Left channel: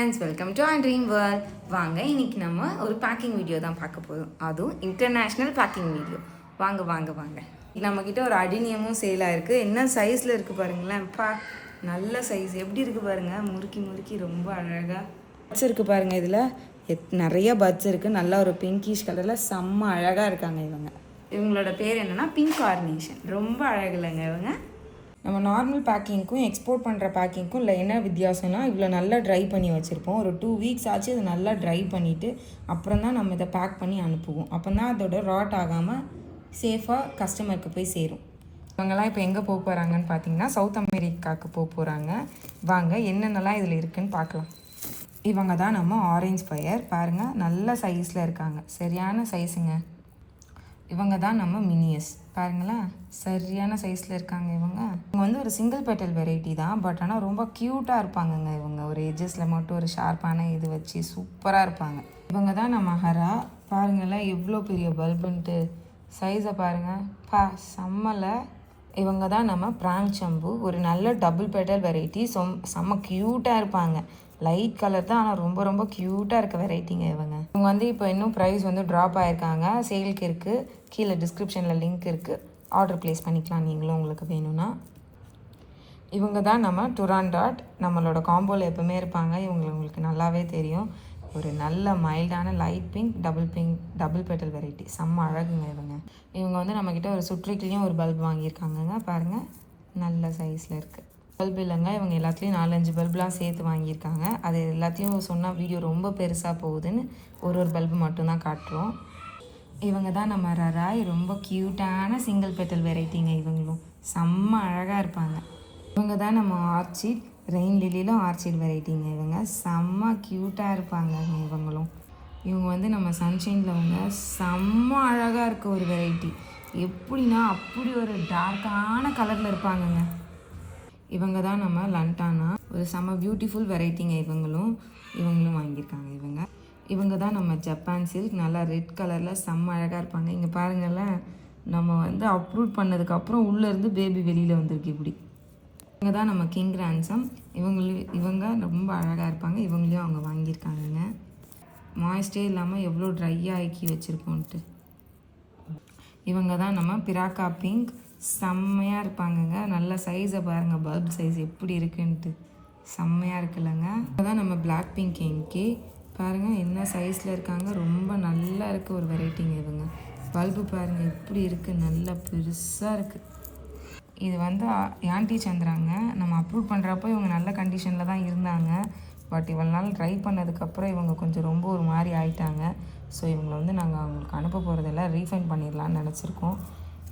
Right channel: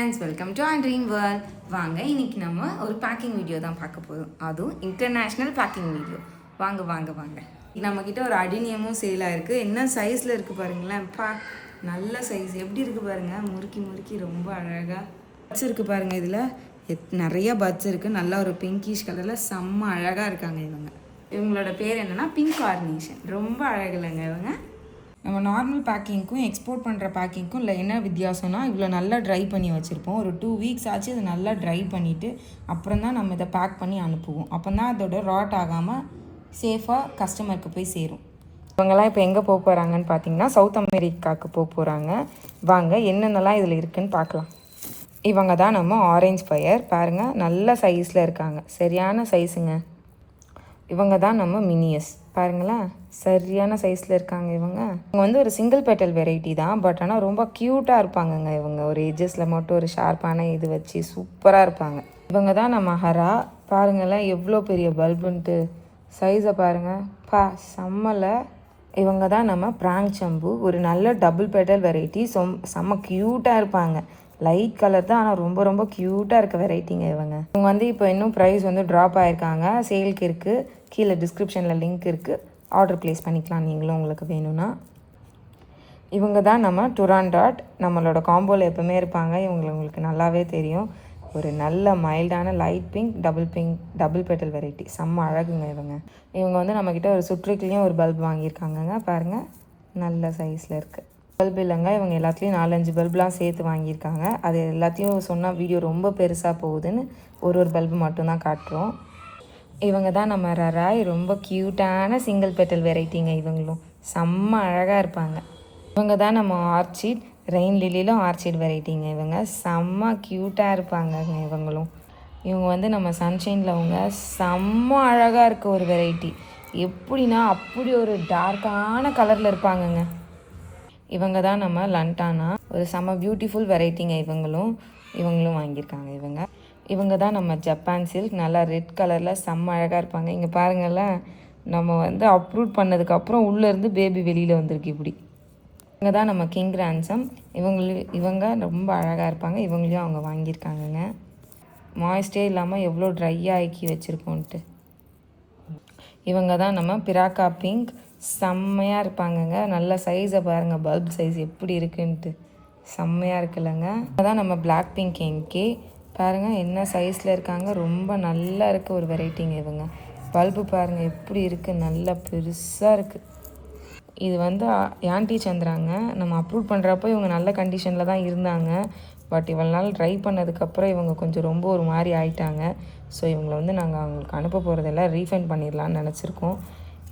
Friends, welcome to our dream world. வாங்க, இன்னைக்கு நம்ம ஒரு பேக்கிங் வீடியோ தான் பார்க்க போதும். அதுவும் இன்டர்நேஷ்னல் பேக்கிங் வீடியோ. வாங்க வாங்க வாங்க. நம்மக்கிட்ட ஒரு அடினியமும் சேலாக இருக்குது. என்ன சைஸில் இருக்குது பாருங்களேன். நல்ல சைஸ் எப்படி இருக்குது பாருங்கள். முறுக்கி முறுக்கி ரொம்ப அழகாக பட்ஸ் இருக்குது பாருங்கள். இதில் நிறைய பட்ஸ் இருக்குது. நல்லா ஒரு பிங்கிஷ் கலரில் செம்ம அழகாக இருக்காங்க இவங்களோட பேர் என்னென்னா பிங்க் கார்னேஷன். ரொம்ப அழகில்லைங்க இவங்க. நம்ம நார்மல் பேக்கிங்க்கும் எக்ஸ்போர்ட் பண்ணுற பேக்கிங்க்கும் இல்லை என்ன வித்தியாசம்னா, இவ்வளோ நல்லா ட்ரை பண்ணி வச்சுருப்போம். ஒரு 2 வீக்ஸ் ஆச்சு இது நல்லா ட்ரை பண்ணிவிட்டு அப்புறம் தான் நம்ம இதை பேக் பண்ணி அனுப்புவோம். அப்போ தான் அதோட ராட் ஆகாமல் சேஃபாக கஸ்டமருக்கு போய் சேரும். இவங்கெல்லாம் இப்போ எங்கே போக போகிறாங்கன்னு பார்த்தீங்கன்னா, சவுத் அமெரிக்காவுக்கு போக போகிறாங்க. வாங்க என்னென்னலாம் இதில் இருக்குதுன்னு பார்க்கலாம். இவங்க தான் நம்ம ஆரஞ்ச் ஃபயர். பாருங்கள், நல்ல சைஸில் இருக்காங்க. சரியான சைஸுங்க. இவங்க தான் நம்ம மினியஸ். பாருங்களேன், சரியான சைஸில் இருக்காங்க இவங்க வந்து ஒரு சிங்கிள் பெட்டல் வெரைட்டி தான். பட் ஆனால் ரொம்ப க்யூட்டாக இருப்பாங்கங்க இவங்க. ஒரு எஜஸில் மட்டும் ஒரு ஷார்ப்பான இது வச்சு சூப்பராக இருப்பாங்க. இவங்க தான் நம்ம ஹரா. பாருங்களேன் எவ்வளோ பெரிய பல்புன்ட்டு. சைஸை பாருங்கள், செம்மலை. இவங்க தான் நம்ம பிராங்க் சம்பு. ஒரு நல்ல டபுள் பெட்டல் வெரைட்டி. செம்ம க்யூட்டாக இருப்பாங்க. லைட் கலர் தான், ஆனால் ரொம்ப ரொம்ப க்யூட்டாக இருக்க வெரைட்டிங்க இவங்க வந்து இப்போ இன்னும் ப்ரைஸ் வந்து ட்ராப் ஆகிருக்காங்க. சேலுக்கு இருக்குது. கீழே டிஸ்கிரிப்ஷனில் லிங்க் இருக்குது. ஆர்டர் ப்ளேஸ் பண்ணிக்கலாம் நீங்களும் உங்களுக்கு வேணும்னா. இவங்க தான் நம்ம டுராண்டாட். நம்மளோட காம்போவில் எப்போவுமே இருப்பாங்க. உங்களுக்கு நல்லாவே தெரியும். ஒரு நல்ல மைல்டான light pink double petal variety. செம்ம அழகுங்க இவங்க வந்து நம்மக்கிட்ட ஒரு சுற்றுக்குலேயும் ஒரு பல்ப் வாங்கியிருக்காங்கங்க. பாருங்கள், நல்ல சைஸில் இருக்குது. பல்பு இல்லைங்க, இவங்க எல்லாத்துலேயும் 4-5 பல்புலாம் சேர்த்து வாங்கியிருக்காங்க. அது எல்லாத்தையும் சொன்னால் வீடியோ ரொம்ப பெருசாக போகுதுன்னு ஒரு பல்பு மட்டும்தான் காட்டுறோம். இவங்க தான் நம்ம ரராய். ரொம்ப க்யூட்டான சிங்கிள் பெட்டல் வெரைட்டிங்க. இவங்களும் செம்ம அழகாக இருப்பாங்க. இவங்க தான் நம்ம ஆர்ச்சிட். ரெயின் லில்லிலும் ஆர்ச்சிட் வெரைட்டிங்க. இவங்க செம்ம க்யூட்டாக இருப்பாங்க இவங்க வந்து நம்ம சன்ஷைனில் அவங்க செம்ம அழகாக இருக்க ஒரு வெரைட்டி. எப்படின்னா அப்படி ஒரு டார்க்கான கலரில் இருப்பாங்கங்க. இவங்க தான் நம்ம லண்டானா. ஒரு செம்ம பியூட்டிஃபுல் வெரைட்டிங்க. இவங்களும் வாங்கியிருக்காங்க. இவங்க தான் நம்ம ஜப்பான் சில்க். நல்லா ரெட் கலரில் செம்ம அழகாக இருப்பாங்க. இங்கே பாருங்களேன், நம்ம வந்து அப்ரூட் பண்ணதுக்கப்புறம் உள்ளேருந்து பேபி வெளியில் வந்திருக்கு இப்படி. இவங்க தான் நம்ம கிங் ரான்சம். இவங்க ரொம்ப அழகாக இருப்பாங்க. இவங்களையும் அவங்க வாங்கியிருக்காங்கங்க. மாய்ஸ்டே இல்லாமல் எவ்வளோ ட்ரையாக ஆக்கி வச்சுருக்கோன்ட்டு. இவங்க தான் நம்ம பிராக்கா பிங்க். செம்மையாக இருப்பாங்கங்க. நல்ல சைஸை பாருங்கள், பல்ப் சைஸ் எப்படி இருக்குன்ட்டு. செம்மையாக இருக்குல்லங்க. அதான் நம்ம பிளாக் பிங்க் எம்கே. பாருங்கள் என்ன சைஸில் இருக்காங்க. ரொம்ப நல்லா இருக்குது ஒரு வெரைட்டிங்க இவங்க. பல்பு பாருங்கள் எப்படி இருக்குது, நல்லா பெருசாக இருக்குது. இது வந்து ஆண்டி சந்திராங்க. நம்ம அப்ரூவ் பண்ணுறப்போ இவங்க நல்ல கண்டிஷனில் தான் இருந்தாங்க. பட் இவ்வளோ நாள் ட்ரை பண்ணதுக்கப்புறம் இவங்க கொஞ்சம் ரொம்ப ஒரு மாதிரி ஆயிட்டாங்க. ஸோ இவங்களை வந்து நாங்கள் அவங்களுக்கு அனுப்ப போகிறதெல்லாம் ரீஃபண்ட் பண்ணிடலான்னு நினச்சிருக்கோம்.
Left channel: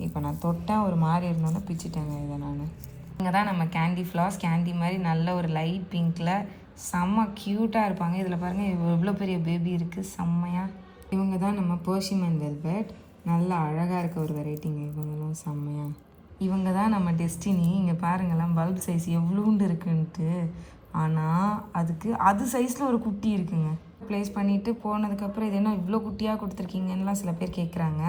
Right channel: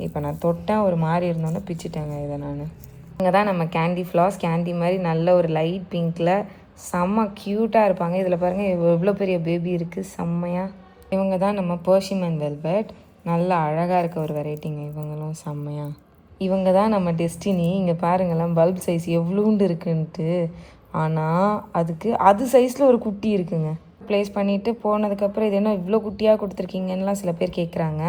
இப்போ நான் தொட்டேன், ஒரு மாதிரி இருந்தோன்னே பிச்சுட்டேங்க இதை நான். இவங்க தான் நம்ம கேண்டி ஃப்ளாஸ். கேண்டி மாதிரி நல்ல ஒரு லைட் பிங்க்கில் செம்ம க்யூட்டாக இருப்பாங்க. இதில் பாருங்கள் எவ்வளோ பெரிய பேபி இருக்குது, செம்மையாக. இவங்க தான் நம்ம பர்ஷிமன் வெல்வெட். நல்லா அழகாக இருக்க ஒரு வெரைட்டிங்க. இவங்களும் செம்மையாக. இவங்க தான் நம்ம டெஸ்டினி. இங்கே பாருங்களேன் பல்ப் சைஸ் எவ்வளோண்டு இருக்குன்ட்டு. ஆனால் அது சைஸில் ஒரு குட்டி இருக்குங்க. ப்ளேஸ் பண்ணிவிட்டு போனதுக்கப்புறம் இது என்ன இவ்வளோ குட்டியாக கொடுத்துருக்கீங்கன்னெலாம் சில பேர் கேட்குறாங்க.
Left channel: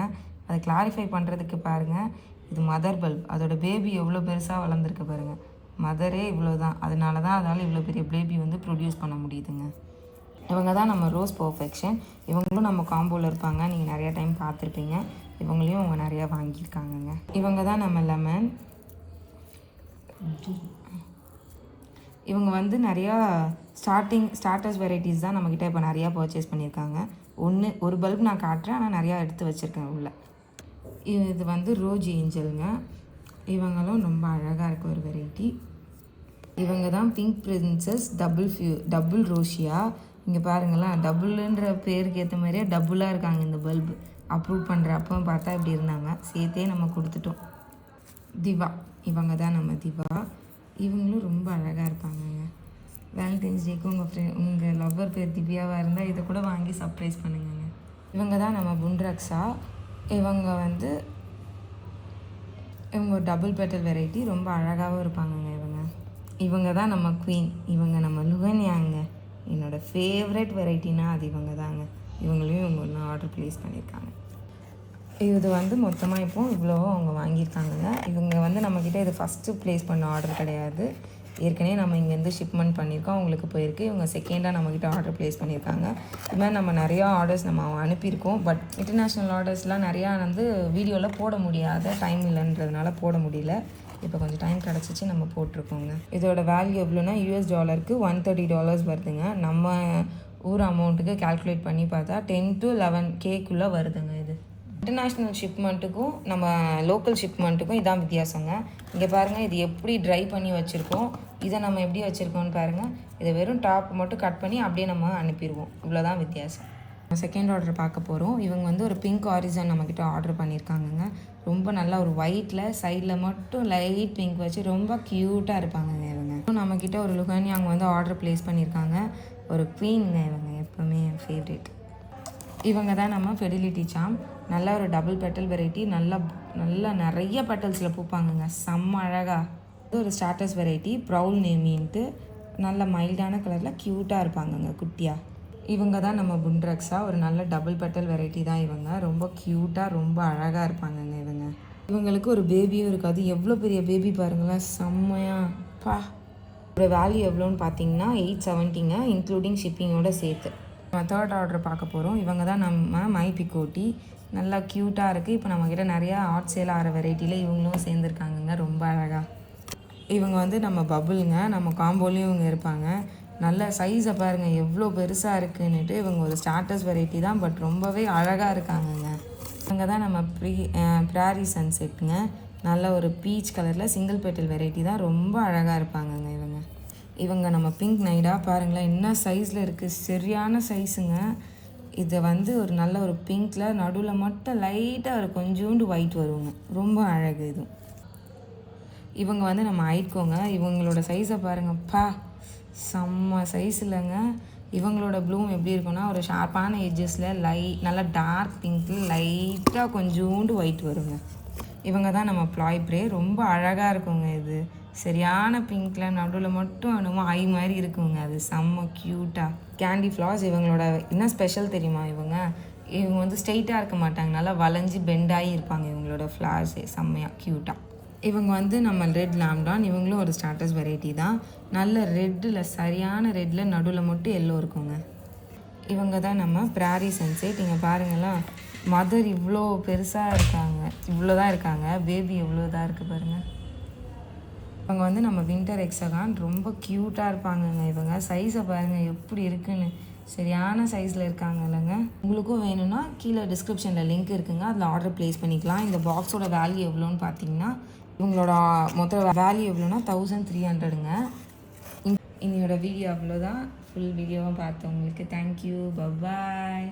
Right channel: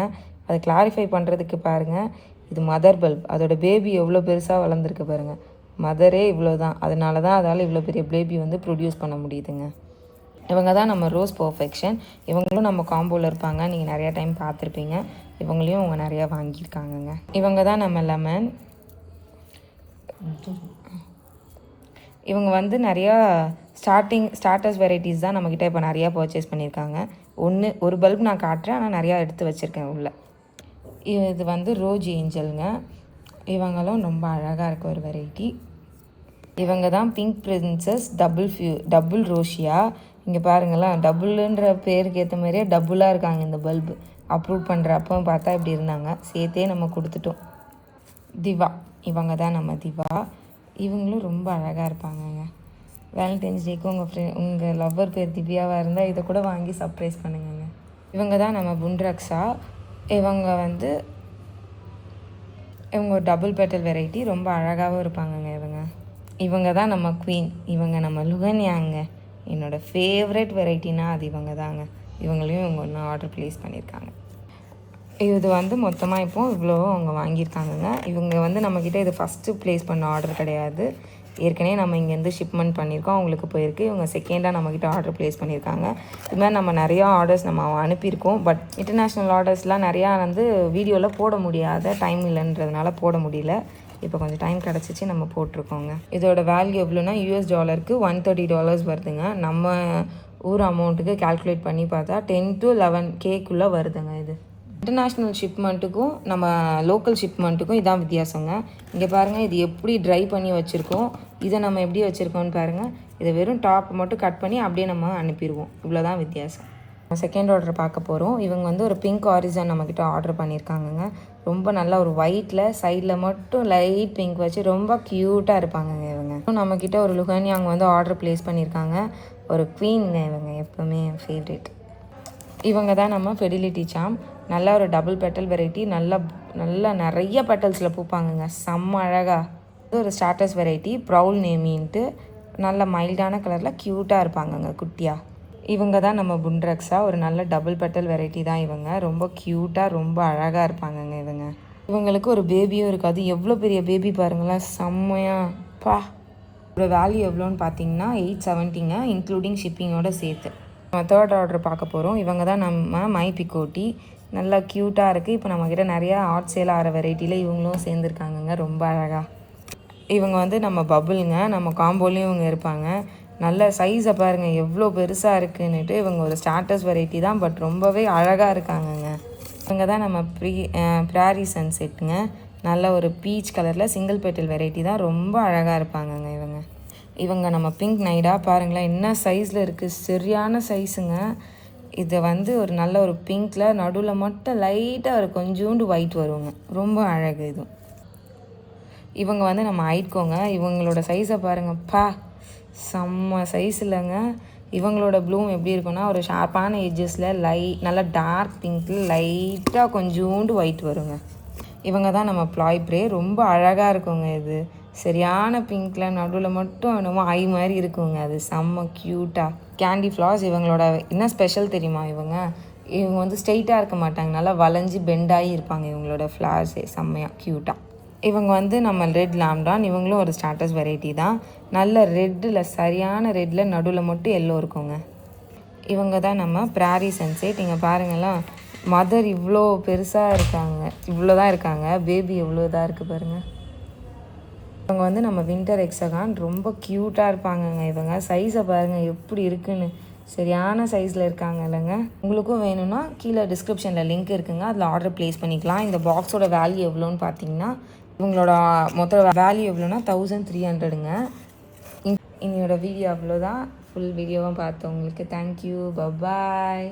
அதை கிளாரிஃபை பண்ணுறதுக்கு பாருங்கள், இது மதர் பல்ப். அதோட பேபி எவ்வளோ பெருசாக வளர்ந்துருக்கு பாருங்கள். மதரே இவ்வளோ தான். அதனால தான் அதால் இவ்வளோ பெரிய பேபி வந்து ப்ரொடியூஸ் பண்ண முடியுதுங்க. இவங்க தான் நம்ம ரோஸ் பர்ஃபெக்ஷன். இவங்களும் நம்ம காம்போவில் இருப்பாங்க. நீங்கள் நிறையா டைம் பார்த்துருப்பீங்க. இவங்களையும் அவங்க நிறையா வாங்கியிருக்காங்கங்க. இவங்க தான் நம்ம லெமன். இவங்க வந்து நிறையா ஸ்டார்டர்ஸ் வெரைட்டிஸ் தான் நம்மக்கிட்ட இப்போ நிறையா பர்ச்சேஸ் பண்ணியிருக்காங்க. ஒரு பல்ப் நான் காட்டுறேன், ஆனால் நிறையா எடுத்து வச்சுருக்கேன் உள்ள. இது வந்து ரோஜ் ஏஞ்சலுங்க. இவங்களும் ரொம்ப அழகாக இருக்க ஒரு வெரைட்டி. இவங்க தான் பிங்க் பிரின்சஸ் டபுள் ரோஷியா. இங்கே பாருங்களேன், டபுள்ன்ற பேருக்கு ஏற்ற மாதிரியே டபுளாக இருக்காங்க இந்த பல்பு. அப்ரூவ் பண்ணுறப்போ பார்த்தா இப்படி இருந்தாங்க. சேர்த்தே நம்ம கொடுத்துட்டோம். திவா. இவங்க தான் நம்ம திவா. இவங்களும் ரொம்ப அழகாக இருப்பாங்கங்க. வேலண்டைன்ஸ் டேக்கு உங்கள் லவ்வர் பேர் திவ்யாவாக இருந்தால் இதை கூட வாங்கி சர்ப்ரைஸ் பண்ணுங்க. இவங்க தான் நம்ம புண்ட்ரக்ஷா. இவங்க ஒரு டபுள் பெட்டல் வெரைட்டி. ரொம்ப அழகாகவும் இருப்பாங்கங்க இவங்க தான் நம்ம குவீன். இவங்க நம்ம லுகன்யாங்க. என்னோடய ஃபேவரட் வெரைட்டினா அது இவங்க தாங்க. இவங்களையும் இவங்க ஒன்று ஆர்டர் ப்ளேஸ் பண்ணியிருக்காங்க. இது வந்து மொத்தமாக இப்போது இவ்வளோ அவங்க வாங்கியிருக்காங்கங்க. இவங்க வந்து நம்மக்கிட்ட இது ஃபஸ்ட்டு ப்ளேஸ் பண்ண ஆர்டர் கிடையாது. ஏற்கனவே நம்ம இங்கேருந்து ஷிப்மெண்ட் பண்ணியிருக்கோம், அவங்களுக்கு போயிருக்கு. இவங்க செகண்டாக நம்மக்கிட்ட ஆர்டர் ப்ளேஸ் பண்ணியிருக்காங்க. இது மாதிரி நம்ம நிறையா ஆர்டர்ஸ் நம்ம அனுப்பியிருக்கோம். பட் இன்டர்நேஷ்னல் ஆர்டர்ஸ்லாம் நிறையா வந்து வீடியோவில் போட முடியாத டைம் இல்லைன்றதுனால போட முடியல. இப்போ கொஞ்சம் டைம் கிடச்சிச்சு, நம்ம போட்டிருக்கோங்க. இதோட வேல்யூ எவ்வளோன்னா $130 $130 வருதுங்க. நம்ம ஊர் அமௌண்ட்டுக்கு கால்குலேட் பண்ணி பார்த்தா 10 to 11Kக்குள்ளே வருதுங்க. இது இன்டர்நேஷ்னல் ஷிப்மெண்ட்டுக்கும் நம்ம லோக்கல் ஷிப்மெண்ட்டுக்கும் இதான் வித்தியாசங்க. இங்கே பாருங்கள், இது எப்படி ட்ரை பண்ணி வச்சுருக்கோம், இதை நம்ம எப்படி வச்சுருக்கோம்னு பாருங்கள். இதை வெறும் டாப் மட்டும் கட் பண்ணி அப்படியே நம்ம அனுப்பிடுவோம். இவ்வளோதான் வித்தியாசம். செகண்ட் ஆர்டர் பார்க்க போகிறோம். இவங்க வந்து ஒரு பிங்க் ஆரிஜன் நம்மக்கிட்ட ஆர்டர் பண்ணியிருக்காங்கங்க. ரொம்ப நல்லா ஒரு ஒயிட்டில் சைடில் மட்டும் லைட் பிங்க் வச்சு ரொம்ப க்யூட்டாக இருப்பாங்கங்க இவங்க. நம்மக்கிட்ட ஒரு லுகானியாங்க வந்து ஆர்டர் ப்ளேஸ் பண்ணியிருக்காங்க. ஒரு குவீனுங்க இவங்க, எப்போவுமே என் ஃபேவரேட். இவங்க தான் நம்ம ஃபெடிலிட்டி சாம். நல்லா ஒரு டபுள் பெட்டல் வெரைட்டி, நல்லா நிறைய பெட்டல்ஸில் பூப்பாங்கங்க, செம்ம அழகாக. இது ஒரு ஸ்டார்டர்ஸ் வெரைட்டி, ப்ரௌல் நேமின்ட்டு நல்ல மைல்டான கலரில் க்யூட்டாக இருப்பாங்கங்க குட்டியாக. இவங்க தான் நம்ம புண்ட்ரக்ஸா, ஒரு நல்ல டபுள் பெட்டல் வெரைட்டி தான் இவங்க. ரொம்ப க்யூட்டாக ரொம்ப அழகாக இருப்பாங்கங்க இவங்க. இவங்களுக்கு ஒரு பேபியும் இருக்காது. எவ்வளோ பெரிய பேபி பாருங்களேன், செம்மையாக பா. ஒரு வேல்யூ எவ்வளோன்னு பார்த்தீங்கன்னா $870ங்க, இன்க்ளூடிங் ஷிப்பிங்கோடு சேர்த்து. நம்ம தேர்ட் ஆர்டர் பார்க்க போகிறோம். இவங்க தான் நம்ம மை பிகோட்டி. நல்லா க்யூட்டாக இருக்குது. இப்போ நம்மக்கிட்ட நிறையா ஆர்ட் சேல் ஆகிற வெரைட்டியில் இவங்களும் சேர்ந்துருக்காங்கங்க, ரொம்ப அழகாக. இவங்க வந்து நம்ம பபுளுங்க, நம்ம காம்போலையும் இவங்க இருப்பாங்க. நல்ல சைஸை பாருங்கள் எவ்வளோ பெருசாக இருக்குன்னுட்டு. இவங்க ஒரு ஸ்டார்டர்ஸ் வெரைட்டி தான், பட் ரொம்பவே அழகாக இருக்காங்கங்க. இவங்க தான் நம்ம ப்ராரி சன்செட்டுங்க. நல்ல ஒரு பீச் கலரில் சிங்கிள் பெட்டல் வெரைட்டி தான், ரொம்ப அழகாக இருப்பாங்கங்க இவங்க நம்ம பிங்க் நைடா பாருங்களேன், என்ன சைஸில் இருக்குது, சரியான சைஸுங்க. இதை வந்து ஒரு நல்ல ஒரு பிங்க்கில் நடுவில் மட்டும் லைட்டாக ஒரு கொஞ்சோண்டு ஒயிட் வருங்க, ரொம்ப அழகு இதுவும். இவங்க வந்து நம்ம ஐட்கோங்க. இவங்களோட சைஸை பாருங்கப்பா, செம்ம சைஸ் இல்லைங்க. இவங்களோட ப்ளூம் எப்படி இருக்குன்னா ஒரு ஷார்ப்பான எட்ஜஸில் நல்லா டார்க் பிங்க்கில் லைட்டாக கொஞ்சோண்டு ஒயிட் வருங்க. இவங்க தான் நம்ம ப்ளாய் ப்ரே, ரொம்ப அழகாக இருக்குங்க. இது சரியான பிங்க்கில் நடுவில் மட்டும் என்னமோ ஐ மாதிரி இருக்குங்க, அது செம்ம க்யூட்டாக. கேண்டி ஃப்ளார்ஸ் இவங்களோட என்ன ஸ்பெஷல் தெரியுமா, இவங்க வந்து ஸ்ட்ரெயிட்டாக இருக்க மாட்டாங்க, நல்லா வளைஞ்சி பெண்டாகி இருப்பாங்க. இவங்களோட ஃப்ளார்ஸே செம்மையாக க்யூட்டாக. இவங்க வந்து நம்ம ரெட் லாம்டான். இவங்களும் ஒரு ஸ்டார்டர்ஸ் வெரைட்டி தான். நல்ல ரெட்டில் சரியான ரெட்டில் நடுவில் மட்டும் எல்லோ இருக்குங்க. இவங்க தான் நம்ம ப்ராரி சன்செட். இங்கே பாருங்களேன், மதர் இவ்வளோ பெருசாக இருக்காங்க, இவ்வளோ தான் இருக்காங்க. பேபி எவ்வளோ தான் இருக்குது பாருங்கள். இவங்க வந்து நம்ம வின்டர் எக்ஸகான், ரொம்ப க்யூட்டாக இருப்பாங்கங்க. இவங்க சைஸை பாருங்கள் எப்படி இருக்குன்னு, சரியான சைஸில் இருக்காங்க இல்லைங்க. உங்களுக்கும் வேணும்னா கீழே டிஸ்கிரிப்ஷனில் லிங்க் இருக்குங்க, அதில் ஆர்டர் ப்ளேஸ் பண்ணிக்கலாம். இந்த பாக்ஸோட வேல்யூ எவ்வளோன்னு பார்த்தீங்கன்னா, இவங்களோட மொத்த வேல்யூ எவ்வளோன்னா 1300ங்க. இன்னையோட வீடியோ அவ்வளோதான். ஃபுல் வீடியோவும் பார்த்தவங்களுக்கு தேங்க்யூ, பபாய்.